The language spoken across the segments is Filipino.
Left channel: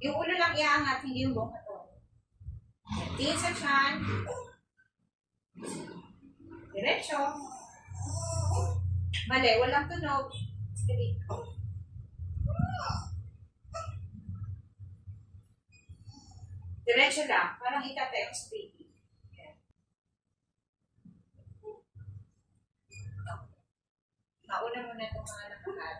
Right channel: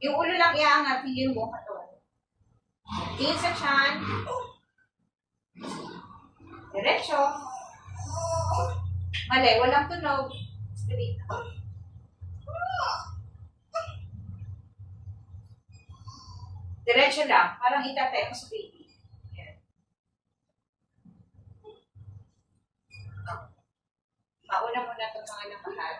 Yung ulo lang iaangat, hindi yung buong katawan. Tingin sa tiyan. Diretso. Mali, walang tunog. Straight. Diretso lang. Parang itatay mo sa baby. Yan. Mauna muna itong mga nakahal.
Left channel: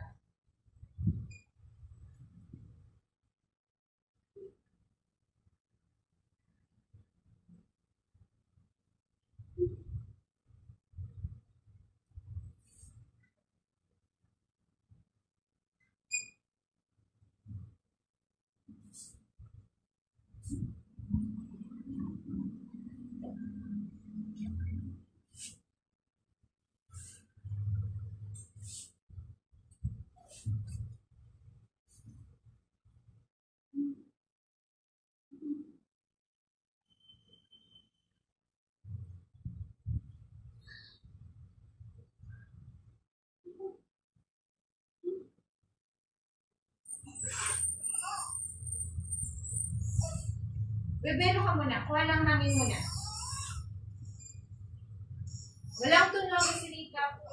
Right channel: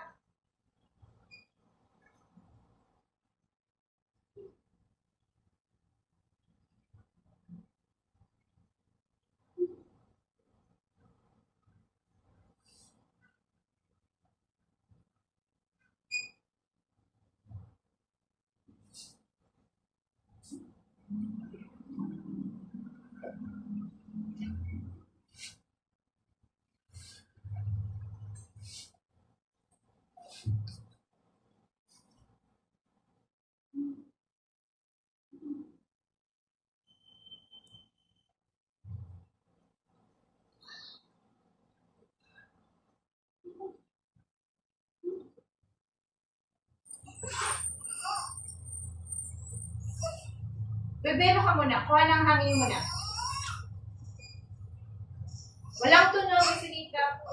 Bebelo ka muna. Kuha ng hangin muna. Walang tunog, isinita.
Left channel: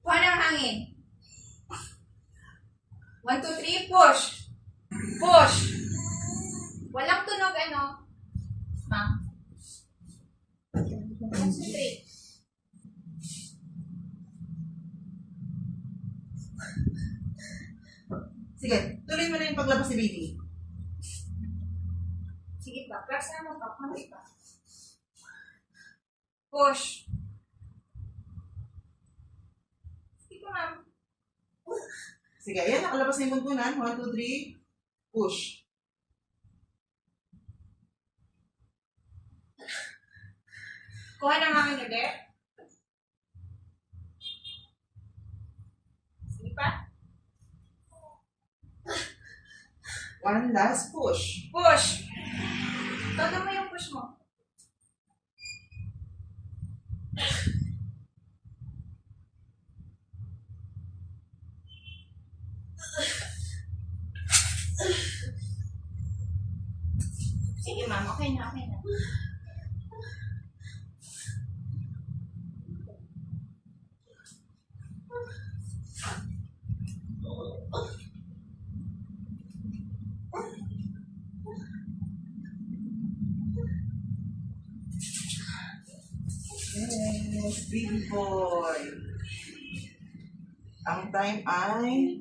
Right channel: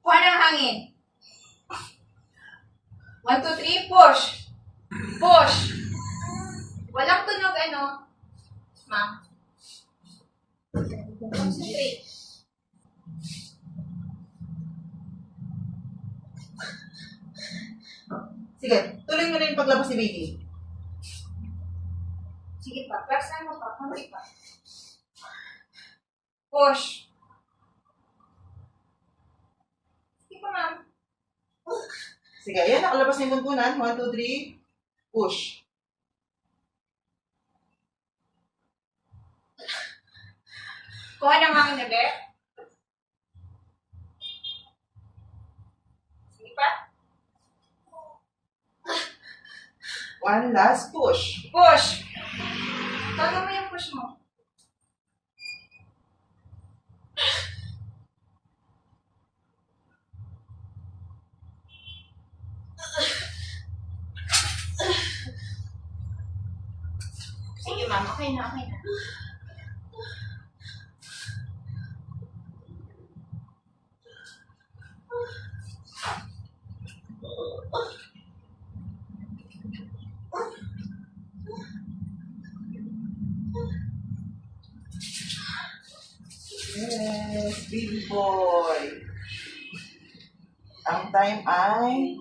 Kuha ng hangin. 1, 2, 3, push. Push. Walang tunog, ano? Ma'am. Concentrate. Sige, tuloy mo na yung paglabas ni baby. Sige pa. Press mo pa. Konti pa. Push. Sige pa, ma'am. Sige, ayan, nakalabas na yung buntunan. 1, 2, 3, push. Kuha ng hangin ulit. Sige pa. One last push. Push. Todo mo yung push mo. Sige, ma'am. Okay na, okay na. Yes, baby boy. Ang time ay